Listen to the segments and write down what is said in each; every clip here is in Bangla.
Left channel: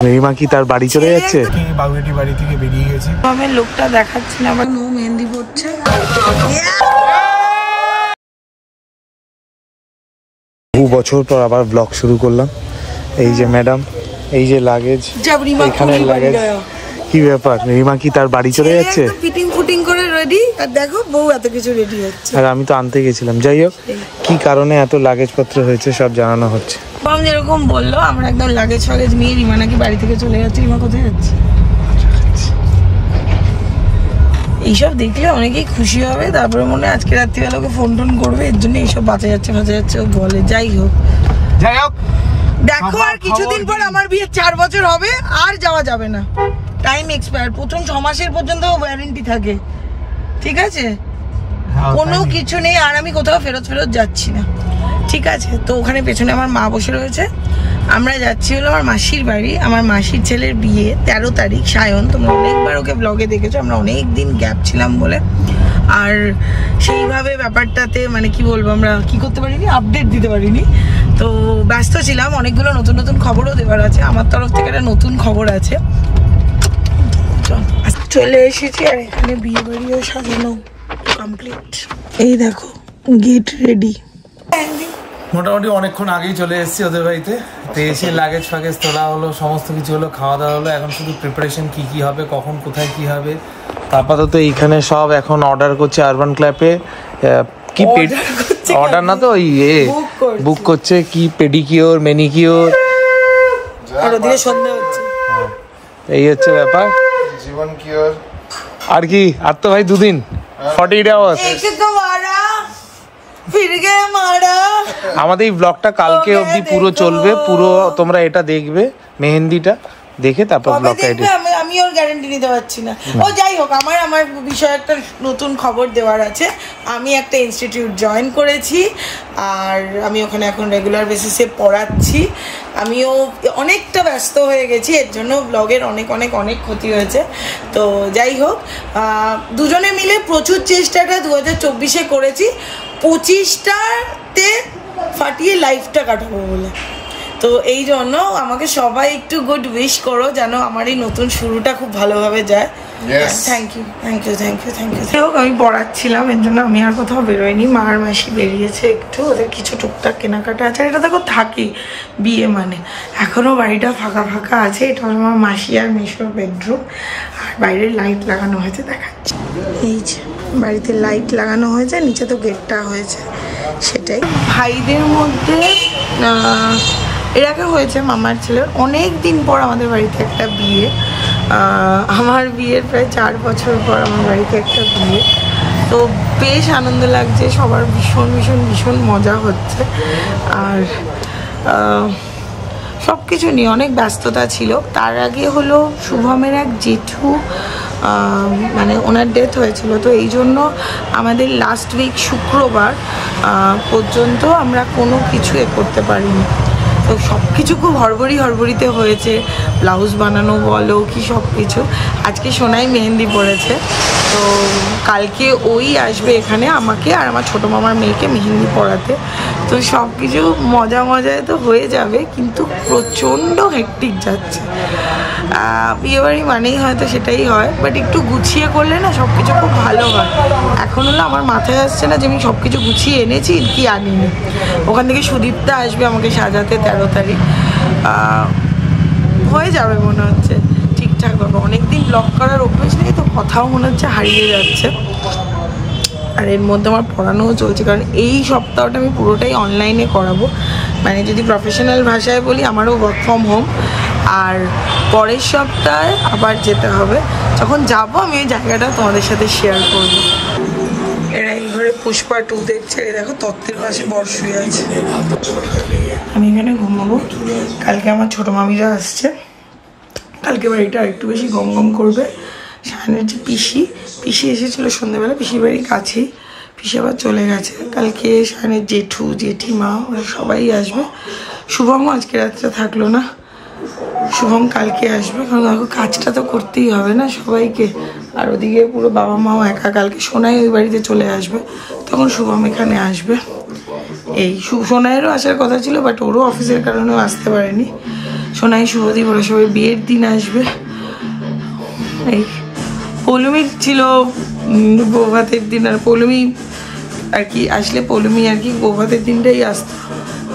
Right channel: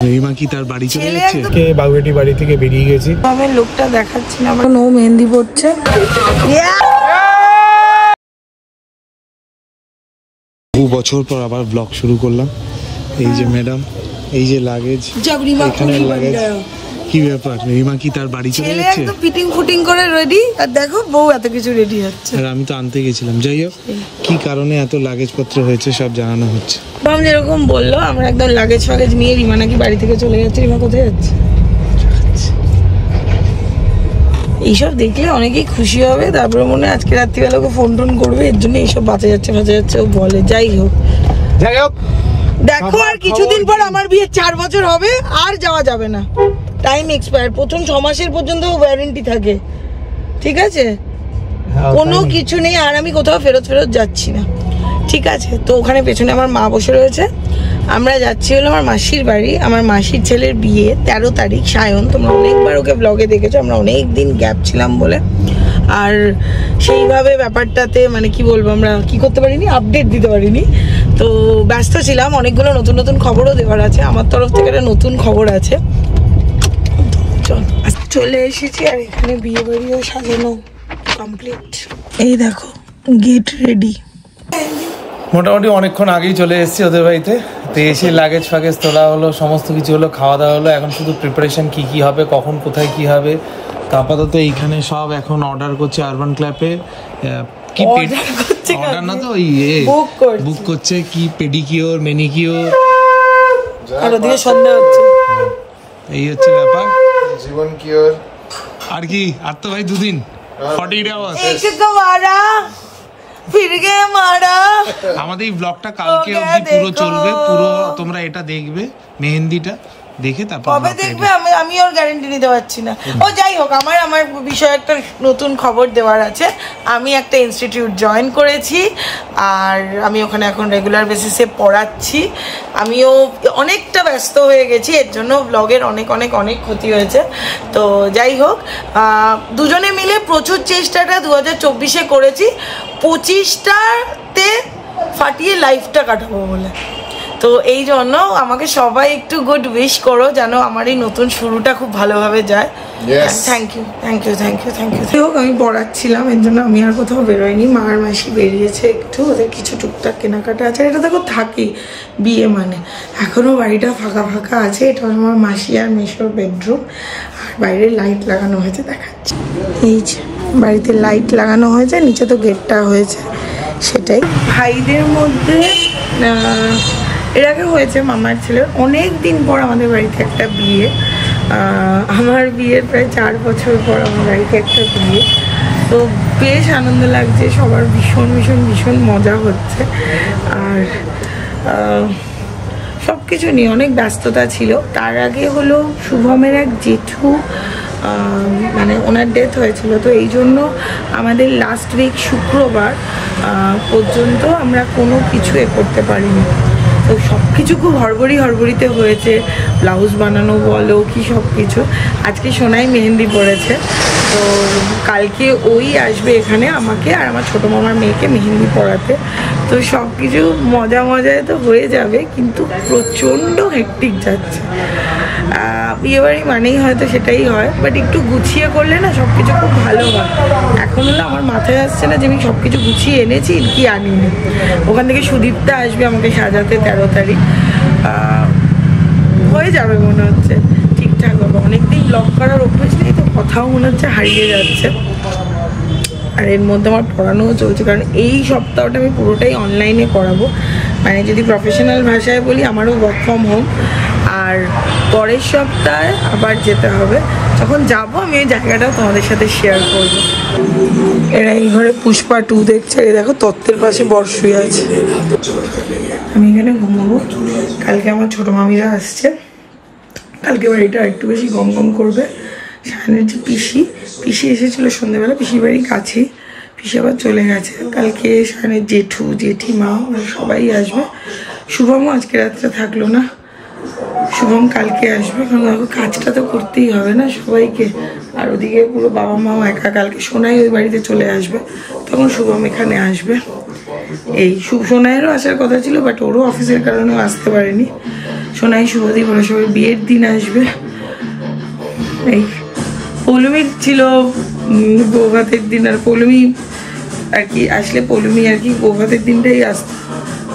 রিমা কি তার বাড়ি চলে যাচ্ছে? বাগুয়েটি বাড়ি থেকে বেরিয়ে গেছি। আমি লোকটা দেখাচ্ছি না, আমার নো মেহেন্দি পড়ছে। বহু বছর পর আবার ব্লগ শুরু করলাম। এই যে ম্যাডাম, এই যে লাগেজ, এখানের লাগেজ। কি ব্যাপার, রিমা কি তার বাড়ি চলে যাচ্ছে? ফিটিং ফুটিং করে রেডি, আর দেখো বউ এত কিছু রেডি হচ্ছে। আর আমি তো আনতে গেছিলাম। যাই হোক, কি কারণে এত লাগেজ পত্র হয়েছে সব জানানো হচ্ছে। বাম যেরকম বললো, আমার একদম লাগেজ ফাগেজ নিয়ে রিমা নাকি বাড়ি থেকে চলে যাচ্ছে। রিমা কোথায় যাচ্ছে? এইসব দেখলে অনেকেই খুশি হবে, তারপরে মনে হয় আজকে রাত্রিবেলাকে ফোন টোন করবে, এর জন্য এইসব বাঁচা যাচ্ছে ও বলে। যাই হোক দেখো, আর কিছুদিন পর আমার বিয়ে 4 বছর হবে, আর যাওয়া যাবে না। টাইম এক্সপায়ার, প্রথম 6 মাসের পর্যন্ত ওয়ারেন্টি থাকে, ঠিক আছে? কোনো কিছু নেই, আর আমি কোথাও ফেরত যাচ্ছি না, ঠিক আছে? তো ওখানে পেছনে আমার মা বসে রয়েছে, আমরা যাচ্ছি হলো আমার মাসির বাড়ি। আমার মাসির ছেলের বিয়ে 13 তারিখ, সায়ন। তোমরা অনেকবার ওকে ব্লগে দেখেছো, আমরা অনেক দিন গ্যাপ ছিলাম বলে, আর সেইভাবে ব্যাপারটাতে মানে কি বলবো, আমরা কি করতে পারিনি, আপডেট দিতে পারিনি। তো ব্যস্ত ছিলাম, অনেকগুলো নতুন নতুন খবরও দেওয়ার আছে, আমার তরফ থেকে একটা নতুন খবর আছে। চলে এসেছি, আর এখানে বিয়ে বাড়িও সাজানো কমপ্লিট। এই দেখো, গেট রেডি। মোটামুটি অনেকক্ষণ আগেই চলে এসেছি ওদের বাড়িতে। তো এসে লাগেজ ফাগেজ তোলা হলো, সমস্ত কিছু হলো, খাওয়া দাওয়া হলো। এখন শুধু প্রিপারেশন কি হবে, কখন কোথায় কি হবে। তো আপাতত এইখানে সব এখন অর্ডার করছে আরবান ক্ল্যাপে। কি অর্ডার না তো, বুক করছে। কি পেডিকিওর, মেনিকিওর, এই হচ্ছে ব্যাপার। জীবন কিওর আর কি, আর তো ভাই 2 দিন 40 আওয়ার্স। আমাদের এই ব্লগটা কালকে অবধি পুরো চলবে, পুরো তোমরা এটা দেখবে, মেহেন্দিটা দেখে তারপর ব্লগটা এডিট। আমি ওর গ্যারান্টি নিতে পারছি না। ও যাই হোক, আমার বিষয়ে একটা নতুন খবর দেওয়ার আছে। আমি একটা ইনস্টিটিউট জয়েন করেছি, আর আমি ওখানে এখন রেগুলার বেসিসে পড়াচ্ছি। আমিও অনেকটা ব্যস্ত হয়ে গেছি, এর জন্য ব্লগের অনেক অনেক অনেক ক্ষতি হয়েছে। তো যাই হোক, দুজনে মিলে প্রচুর চেষ্টাটা 2024-এ করেছি, 25টাতে ফাটিয়ে লাইফটা কাটাবো বলে। তো এই জন্য আমাকে সবাই একটু গুড উইশ করো, যেন আমার এই নতুন শুরুটা খুব ভালোভাবে যায়। Thank you. আমি পড়াচ্ছিলাম, এর জন্য আমি আর কোথাও বেরোয়নি। মা আর মাসি বেরিয়েছে একটু, ওদের কিছু টুকটাক কেনাকাটা আছে। এটা দেখো থাকি বিয়ে মানে, এখনো বাড়িটা ফাঁকা ফাঁকা আছে। এটা হলো আমার মাসি আর মেশোর বেডরুম, আর বাইরে লাইট লাগানো হয়েছে, দেখাচ্ছি। এই যে বাড়িতে লাইট লাগানো হয়েছে, নিচে তো গেটটা হয়েছে, সেটাই। ভাইদের মধ্যে এর আগে হয়েছে মামার ছেলের, অনেক দিন পর আমাদের বাড়িতে একটা বিয়ে। আমার বিয়ের প্রায় 4 বছর পর আমার বাড়িতে একটা বিয়ে। তো বেশ আনন্দ লাগছে, সবার ভীষণ ভীষণ ভীষণ মজা হচ্ছে। আর সব কিছু নিয়ে অনেক ব্যস্ততা ছিল। তার আগে হলো শুভমের এক জেঠু, মানে ওনার ডেথ হয়েছিল। তো এই জন্য আমাদের লাস্ট উইক শুক্রবার পর্যন্ত আমরা কোনো কিছু করতে পারিনি। তো সব কিছু খুব হড়বড়িতে হয়েছে, ব্লাউজ বানানো বলো কি সব কিছু। আজকে সোনাই মেহেন্দি পড়েছে, তো কালকে ওই আসবে এখানে আমাকে আর আমার ছোটো মামার মেয়েকে মেহেন্দি পড়াতে। তো সব কিছু মজায় তো হয়ে যাবে, কিন্তু প্রচণ্ড হেক্টিক যাচ্ছে। বিয়েবাড়ি মানেই হয়তো সেটাই হয়, বাট একটু গুছিয়ে করলে না সব কিছু খুব ভালো হয়। এখন হলো আমার মাথায় আসছে না যে আমি সব কিছু গুছিয়ে এনেছি কি আনিনি। ওখান থেকে সুদীপ্তা আসবে আমাকে সাজাতে 13 তারিখ। হয়ে যাবে মনে হচ্ছে, ঠিকঠাক হবে। অনেকদিন ব্লগ করার অভ্যাস নেই, তো কথাও মনে হচ্ছে হারিয়ে যাচ্ছে। আর এর মধ্যে আমার পড়ানোও চলছে, কারণ এই সপ্তাহটা আমি পুরোটাই অনলাইনে করাবো। মানে যদি প্রফেশনাল ভাষায় বলি, আমারও ওয়ার্ক ফ্রম হোম। আর পরের সপ্তাহে আবার যেতে হবে। যখন যাবো আমি এই জায়গাটা তোমাদের সাথে শেয়ার করব। এরা এই ঘরে পুষ্পা 2 দেখছে। এই দেখো তত্ত্বের পাশে বর্ষই আছে। আমি এখানে ঘুমাবো। কালকে আমার ছোটো মামিরা আসছে, কালকে বাড়িটা একটু বেশি গম করবে। সায়নের যে পিসি এসেছিলো সন্ধ্যেবেলা, পিসির বাড়ির কাছেই, পিসি আবার চলে গেছে। কালকে সায়নের জেঠু জেঠিমা সবাই আসবে। শুভমও আজকে রাত্রে থাকলো না, শুভম কালকে আসবে। কারণ দেখো কাজটা তো করতেই হবে না সবাইকে। আর ওদিকে পুরো বাবা মাও একা। কালকে সোনাই ওই বাড়িতে চলে আসবে, তখন শুভম এখানে আসবে। এই সোনাইয়েরও আসার কথা ছিল, বাট ওরও অফিসের কারণেও আসতে পারেনি। সোনাই শুভদীপ ওরা সবাই বিয়ের দিন আসবে। এই পৌলমীর ছিল বৌভাতের দিন, আর পৌলমী আর কি আসলে পৌলমী আর কি বৌভাতের দিনটাই আসতো,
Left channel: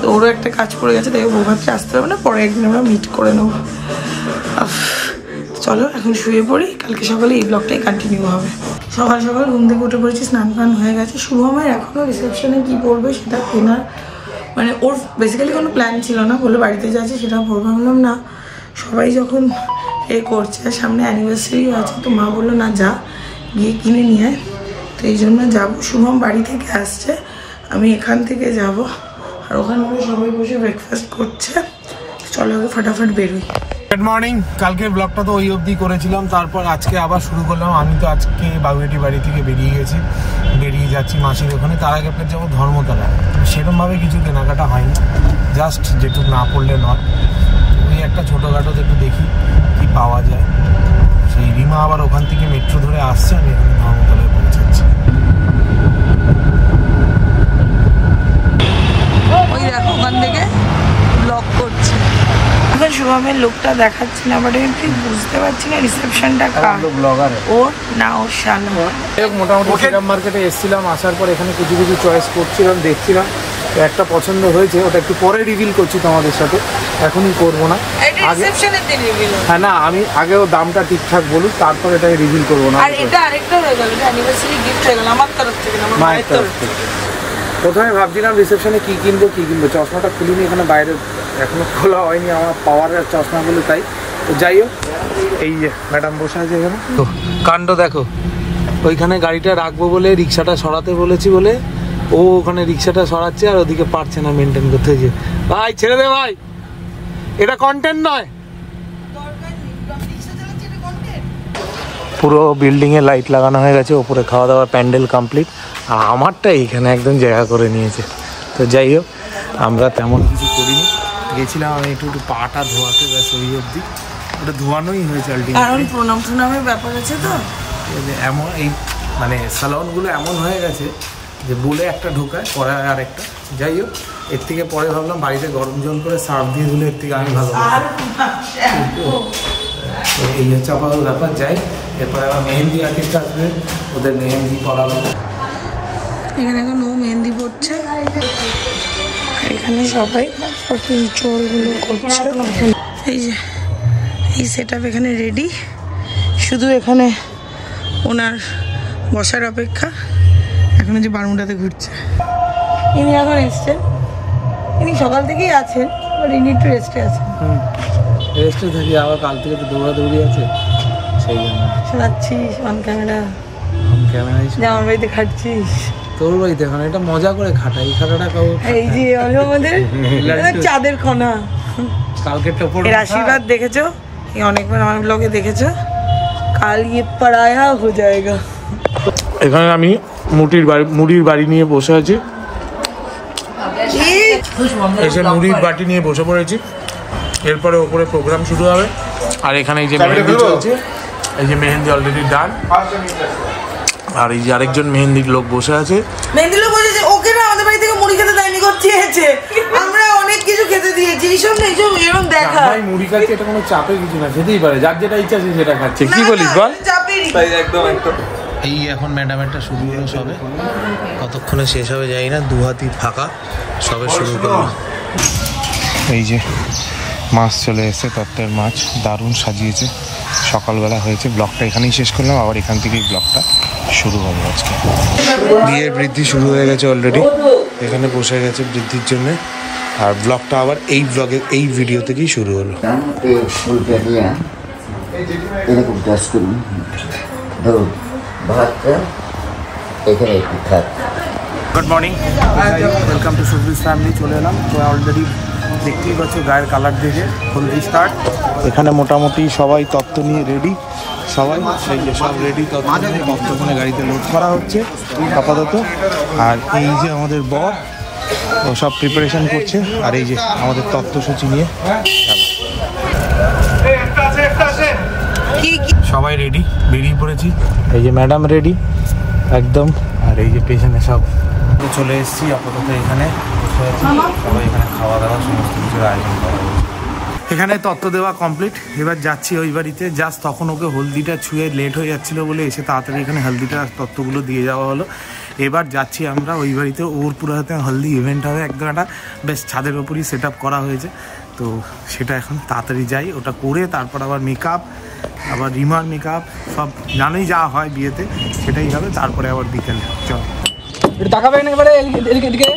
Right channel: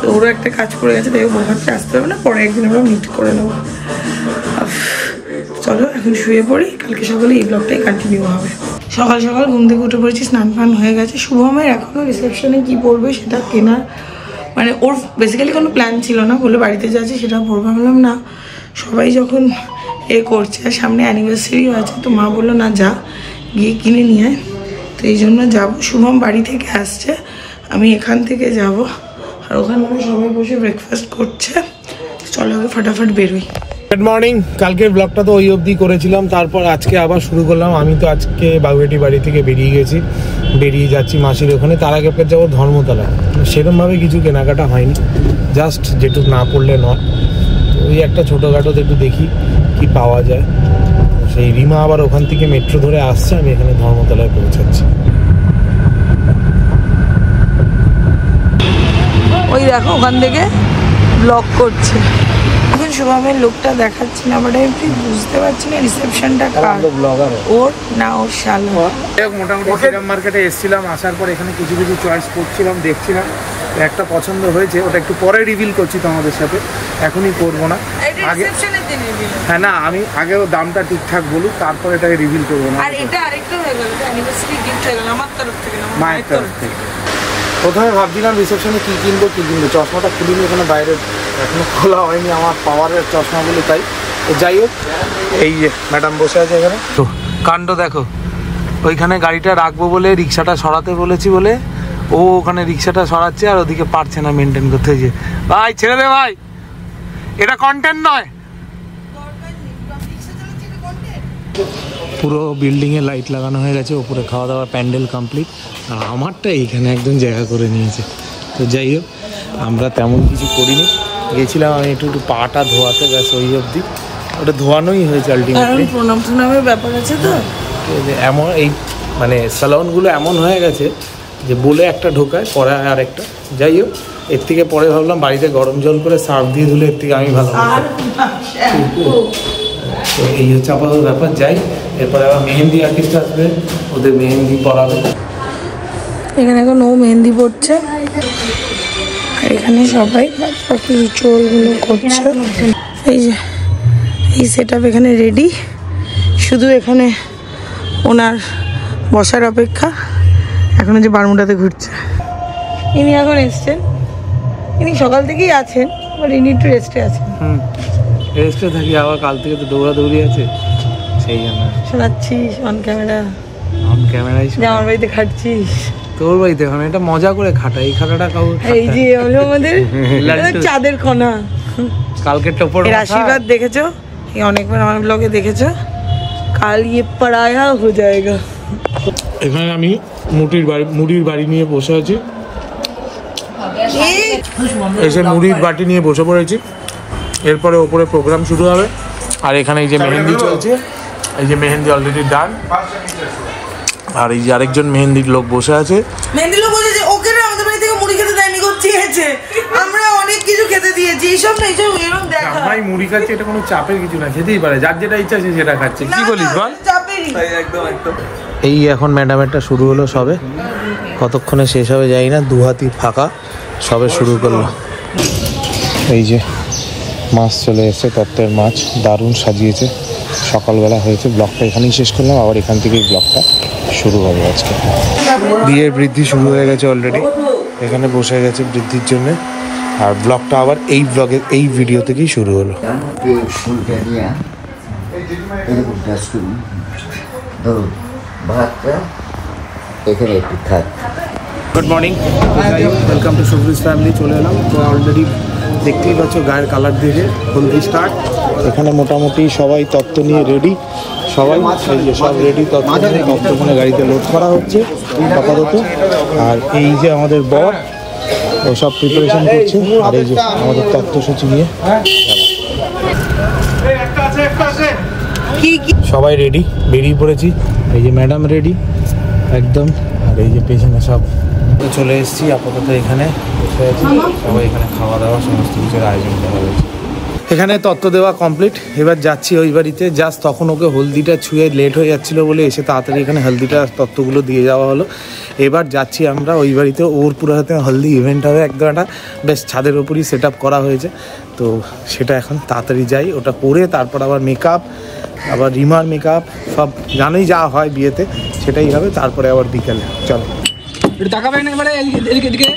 তো ওরও একটা কাজ পড়ে গেছে, তাই বৌভাতটা আসতে পারবে না, পরে একদিন আমরা মিট করে নেবো। চলো এখন শুয়ে পড়ি, কালকে সকালে এই ব্লগটাই কন্টিনিউ হবে। সকাল সকাল ঘুম থেকে উঠে পড়েছি, স্নান ফান হয়ে গেছে। শুভমের এখনও রিসেপশনে কি পড়বে সেটা কেনার মানে ওর বেসিক্যালি কোনো প্ল্যান ছিল না, বলে বাড়িতে যাচ্ছে সেটা পড়বে। বললাম না, সবাই যখন করছে, সামনে অ্যানিভার্সারিও আছে, তো মা বললো না যা গিয়ে কিনে নিয়ে আয়, তো এই জন্য যাবো। শুভম বাড়ি থেকে আসছে, আমি এখান থেকে যাব, আর ওখানে সবাই বসে ব্রেকফাস্ট করছে। চলো আগে ফটাফট বেরোই। Good morning. কালকের ব্লগটা তো ওই অবধি করেছিলাম, তারপর আজকে আবার শুরু করলাম। আমি তো আজকে বাগুয়েটি বাড়ি থেকে বেরিয়ে যাচ্ছি মাসির ওখানে, তার আগে পেয়ে যাবো ধর্মতলায়। সেরকমভাবে কিছু কেনাকাটা হয়নি, জাস্ট যেটুকু না পড়লে নয়, ওই একটা ছোটোখাটো একটু দেখি কি পাওয়া যায়। সেই রিমা আবার ওখান থেকে মেট্রো ধরে আসছে, আমি এখানে ধর্মতলায় পৌঁছাচ্ছি। ওই দেখো ওখান থেকে ব্লগ করছে। এখন শুভমের লোকটা দেখাচ্ছি না, বাট আমি ঠিক বুঝতে পারছি না রিসেপশনটা কার, ওর না ওর শালা। মোটামুটি শ্রীরাম মার্কেটে এসেছিলাম, আসার পর এখানে কিছু চয়েস করছিলাম, দেখছিলাম, একটা পছন্দ হয়েছে, ওটা একটু পরে রিভিল করছি তোমাদের সাথে, এখনই করবো না। আগে হ্যাঁ না, আমি আগেও দামটা ঠিকঠাক বলুক, তারপর এটাকে রিভিল করবো না। মায়ের তরফ থেকে প্রথমে ভাবছিলাম রিসেপশনে কি কিনবো, চশমাটা খুলিনি, এখানে বাইরে এখনো খোলা হয়নি আমার পাওয়ারের চশমা বলে, তাই যাই হোক। এই যে ম্যাডাম বসে আছে এখানে, তো কাণ্ড দেখো, ওইখানে গাড়িটা রাখবো বলে রিক্সাটা সরাতে বলেছি বলে ও ওখানে রিক্সাটা সরাচ্ছে, আর ওদিকে পারছে না মেনটেন করতে। যে ভাই ছেড়ে দে ভাই, এটা কন্টেন্ট নয়। পুরো বিল্ডিং এ লাইট লাগানো হয়ে গেছে, উপরে খাওয়া দাওয়ার প্যান্ডেল কমপ্লিট, আর আমারটা এইখানে একদম জায়গা করে নিয়েছে। তো যাই হোক, আমরা তেমন কিছু করিনি, গেছিলাম আমি একটু পাটা ধোয়াতে, ব্যাস ওই অবধি, ওটা ধোয়ানোই হয়েছে আলটিমেটলি। প্রণামের ব্যাপার আছে তো, এমন এই মানে স্যালনগুলো এমন হয়ে গেছে যে বলে একটা ঢোকায়, পরে আর একটা। যাই হোক, এর থেকে পরে ভাবলাম বাড়িতে গরম জল করে সার্ফ দিয়ে ধুলে এর থেকে আমি ভালো। তো এই হচ্ছে আপাতত ব্যাপার। যাই, এরপরে আবার মেহেন্দি আর্টিস্ট আসবে, ওদের মেহেন্দি পড়াবে। এখানে এখন ও মেহেন্দি পড়ছে, আর এখানে সবাই বাকি রিচুয়ালগুলো করছে। এই যে এই সেট আপ এখানে রেডি, শুধু এখানে ওনার বসার অপেক্ষা। এখন যে বারমুডাতে ঘুরছে, ইনি এখন এসছেন, ইনি সকাল থেকেই আছেন, বাট ইনি একটু রেস্টে আছেন। রেস্টে থাকি, আবার কাল থেকে তো দৌড়াদৌড়ি আছে, সেই জন্য শোনাচ্ছিস অন ক্যামেরা, যে আমার বাড়িতে খাচ্ছিস, তোর বাড়িতে এখন এটা মজা করে খাটা, এই খাটাটা কাউ। এই যে আমাদের চাঁদের খনা, কালকে টোপর আশীর্বাদ দেখেছো, অনেকবার আমার ব্লগে দেখেছো, কাল ইয়ে পড়ায়া হো যায়গা। এখানে আমি মুড়ির বাড়ি নিয়ে বসে আছি, এসে মুড়ির বাটি নিয়ে বসে পড়েছি। এরপরে ওপরে প্রোগ্রাম শুরু হবে, আর এখানে এই যে মেহেন্দি চলছে, এই যে মেহেন্দি অলরেডি ডান, আর এই যে আরেকজন মেহেন্দির লোক বসে আছে। মেহেন্দি লোক বসে আছে, ওকে না আমাদের বাড়ি থেকে মুড়ি খেতে দেয়নি, চেয়েছে, আমরা অনেক কিছু খেতে দিয়েছি, এইসব না এইসব এরকম দেখা। ভাই মুড়ি খাচ্ছে, এটা কোনো চাপের কিছু না, খেতেই পারে, যার যেটা ইচ্ছা সে সেটা খাচ্ছে। কি বলিস বল? একদম একদম। এই এখন ম্যাডামেরটা শুরু হলো সবে, কতক্ষণে শেষ হবে জানি না, দু হাতি ফাঁকা, সবে শুরু করলো। এই যে মাছ চলে এসেছে, তত্ত্বের মাছ, দারুণ সাজিয়েছে, সকালবেলা হয়েছে। ব্লগটা এখানেই শেষ করলাম, আবার এখান থেকেই ব্লগটা শুরু হবে আজকে। বিয়ের বৃদ্ধি শুরু হয়ে গেছে অলরেডি, এখানে বসে গেছে বৃদ্ধির জন্য, আর ব্লগটা আবার এই ভিডিও থেকেই শুরু হলো। Good morning, welcome to Subrij family. চলে এলাম, তো অলরেডি দেখতেই পাচ্ছ গায়ের কালার দেখে হলদি স্টার্ট। এখানে মোটামুটি সবাই তত্ত্ব নিয়ে রেডি, সবাই এই যে সব রেডি, তত্ত্ব এখানে গাড়িতে লোড করা হচ্ছে আপাতত। আর এই যে আমাদের বর, ও সব প্রিপারেশন করছে, আর এই যে আমাদের তত্ত্বসূচি নিয়ে সবাই রেডি, বেরিয়ে পড়েছি। এই যে ম্যাডাম রেডি একদম, আর এই যে পেছনে সব চলে এসেছি। আপাতত এখানে বসে আছি, সবাই এখানে খাওয়া দাওয়া সমস্ত কিছুর আয়োজন করা হয়েছে। এখানে তত্ত্ব দেওয়া কমপ্লিট, এবার যাচ্ছি ওই বাড়িতে। জাস্ট তখন ওকে হলদিটা ছুঁয়ে লেট হয়ে যাচ্ছিল বলে এসে তাড়াতাড়ি এখানে হলদিটা তত্ত্বগুলো দিয়ে যাওয়া হলো। এবার যাচ্ছি আমরা ওই বাড়িতে, ওর পুরো হাতে হলদি ইভেন্ট হবে একদম, একটা বেশ ছাদের ওপরই সেট আপ করা হয়েছে। তো সেটা এখন তাড়াতাড়ি যাই, ওটা করে তারপর আবার মেকআপ, আবার রিমার মেকআপ, সব জানোই যা হয় বিয়েতে সেটাই হবে। তারপরে আবার বিকেলে চলো তাকাবেন এবারে এদিকে।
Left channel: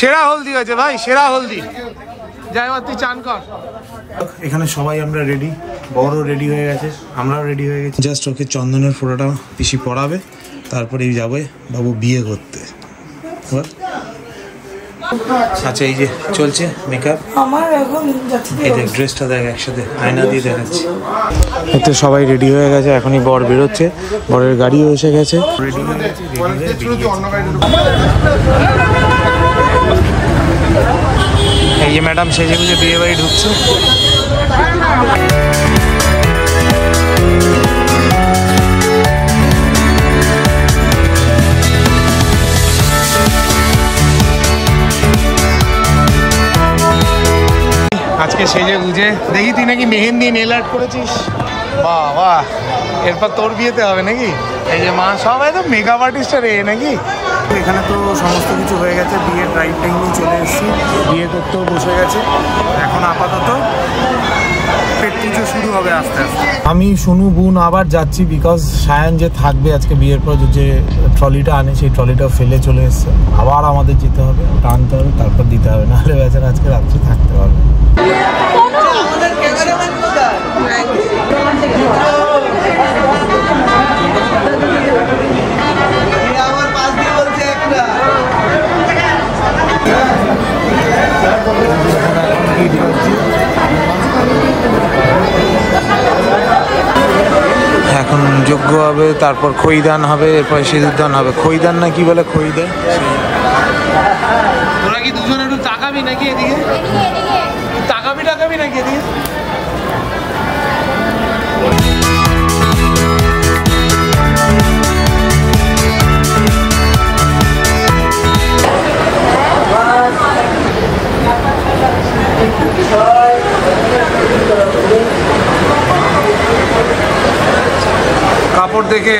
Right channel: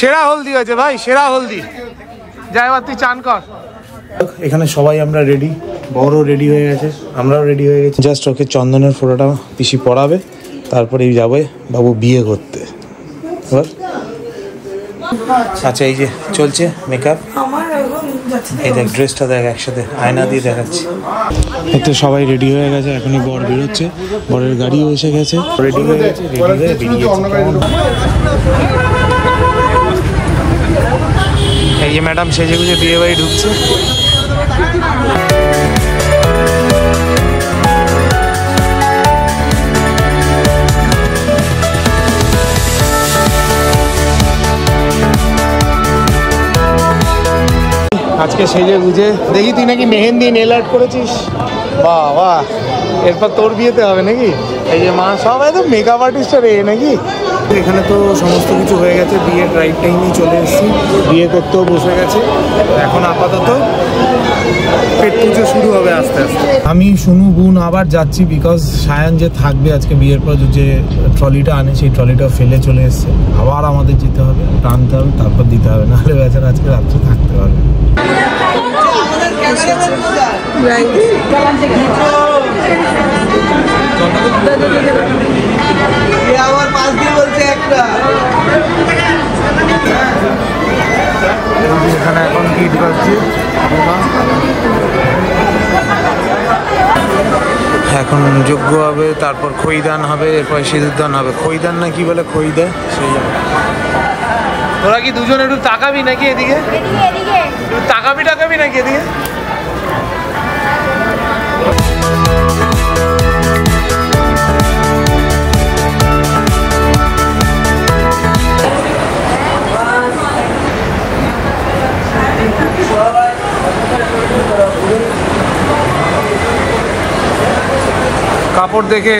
সেরা হলদি হয়েছে ভাই, সেরা হলদি। যাই এবার তুই চান কর। এখানে সবাই আমরা রেডি, বড় রেডি হয়ে গেছে, আমরাও রেডি হয়ে গেছি। জাস্ট ওকে চন্দনের ফোঁটাটা পিসি পরাবে, তারপরেই যাবে বাবু বিয়ে করতে। আচ্ছা এই যে চলছে মেকআপ, এই দেখ ড্রেসটা দেখ, একসাথে আয়না দিয়ে দেখাচ্ছি। এতে সবাই রেডি হয়ে গেছে, এখনই বর বেরোচ্ছে, বরের গাড়িও এসে গেছে, রেডি হয়ে গেছে, রেডি হয়ে বেরিয়েছে। এই যে ম্যাডাম সেজে গুজে বিয়ে বাড়ি ঢুকছে। আজকে সেজে গুজে দেখি তুই নাকি মেহেন্দি নেল আর্ট করেছিস, বাবা এরপর তোর বিয়েতে হবে নাকি? এই যে মা সব একদম মেকআপ আর্টিস্টের এ নাকি। এখানে তো সমস্ত কিছু হয়ে গেছে, বিয়ের রাইট টাইমে চলে এসেছি, বিয়ে করতেও বসে গেছে। এখন আপাতত পেট পুজো শুরু হবে আস্তে আস্তে। আমি শুনু গুণ আবার যাচ্ছি, বিকজ সায়ন যে থাকবে আজকে বিয়ের পর, যে ট্রলিটা আনে সেই ট্রলিটা ফেলে চলে এসছে, আবার আমাদের যেতে হবে, ওটা আনতে হবে, তারপর দিতে হবে, নাহলে বেচারা আজকে রাত্রে থাকতে পারবে। এখানে এখন গিট বাজছে, এখন যজ্ঞ হবে, তারপর খইদান হবে, এরপর সিঁদুরদান হবে। খইদান না কি বলে, খই দেয় সেই। তোরা কি দুজন একটু তাকাবি নাকি এদিকে, তাকাবি নাকি এদিকে? কাপড় দেখে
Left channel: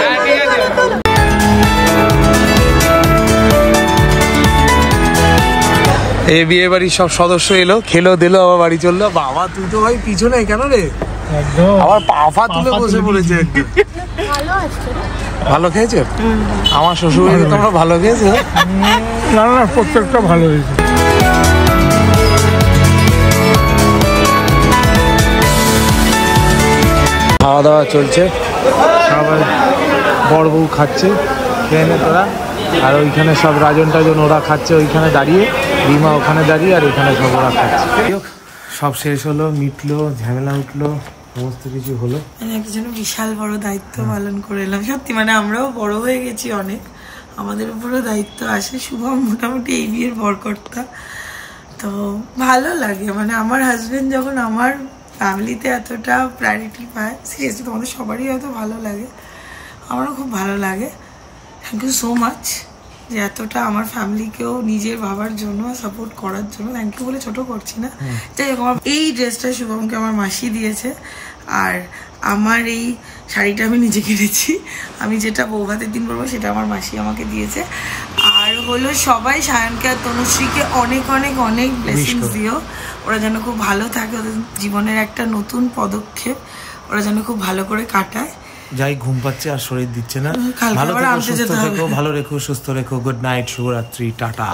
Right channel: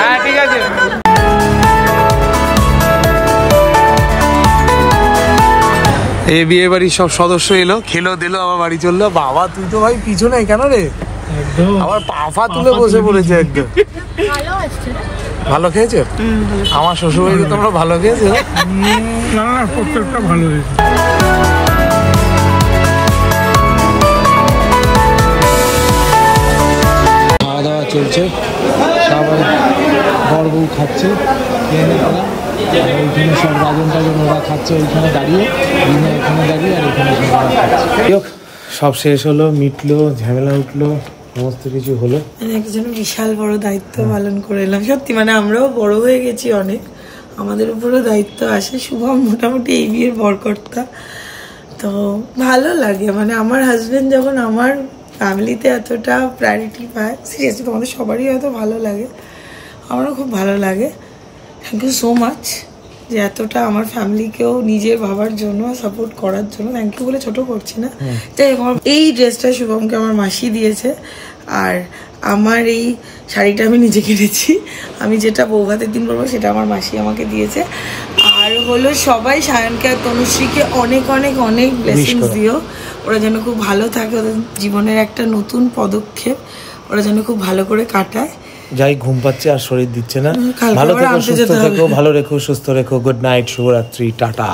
হ্যাঁ ঠিক আছে। এই বিয়ে বাড়ির সব সদস্য এলো, খেলো দিলো, আবার বাড়ি চললো। বাবা তুই তো ভাই পিছনে কেন রে? আবার পাফা তুলে বসে পড়েছে একদম। ভালো খেয়েছো? আমার শ্বশুর বাড়িতে তোমরা ভালো খেয়েছো? প্রত্যেকটা ভালো হয়েছে। খাওয়া দাওয়া চলছে, সবাই বড় বউ খাচ্ছে, খেয়ে নে তোরা। আর ওইখানে সব রাজন টাজন ওরা খাচ্ছে ওইখানে দাঁড়িয়ে, রিমা ওখানে দাঁড়িয়ে, আর এখানে সব ওরা খাচ্ছে। সব শেষ হলো, মিটলো, ঝামেলা উঠলো, সমস্ত কিছু হলো। একজন বিশাল বড় দায়িত্ব পালন করে এলাম সত্যি, মানে আমরাও বড় হয়ে গেছি অনেক, আমাদের উপরও দায়িত্ব আসে। শুভম মোটামুটি এই বিয়ের বরকর্তা, তো ভালো লাগে। মানে আমার হাজবেন্ড যখন আমার ফ্যামিলিতে এতটা প্রায়োরিটি পায়, সিরিয়াসলি তোমাদের সবারই হয়তো ভালো লাগে, আমারও খুব ভালো লাগে। থ্যাংক ইউ সো মাচ যে এতটা আমার ফ্যামিলিকেও নিজের ভাবার জন্য, সাপোর্ট করার জন্য। থ্যাংক ইউ বলে ছোট করছি না। যাই হোক, এই ড্রেসটা শুভমকে আমার মাসি দিয়েছে, আর আমার এই শাড়িটা আমি নিজে কিনেছি। আমি যেটা বৌভাতের দিন পরবো সেটা আমার মাসি আমাকে দিয়েছে। আর হলো সবাই সায়নকে আর তনুশ্রীকে অনেক অনেক অনেক ব্লেসিংস দিও, ওরা যেন খুব ভালো থাকে, ওদের জীবনের একটা নতুন পদক্ষেপ ওরা যেন খুব ভালো করে কাটায়। যাই ঘুম পাচ্ছে আর শরীর দিচ্ছে না। ভালো থেকো, সুস্থ থেকো, ভালো রেখো, সুস্থ রেখো। গুড নাইট, শুভরাত্রি, টাটা।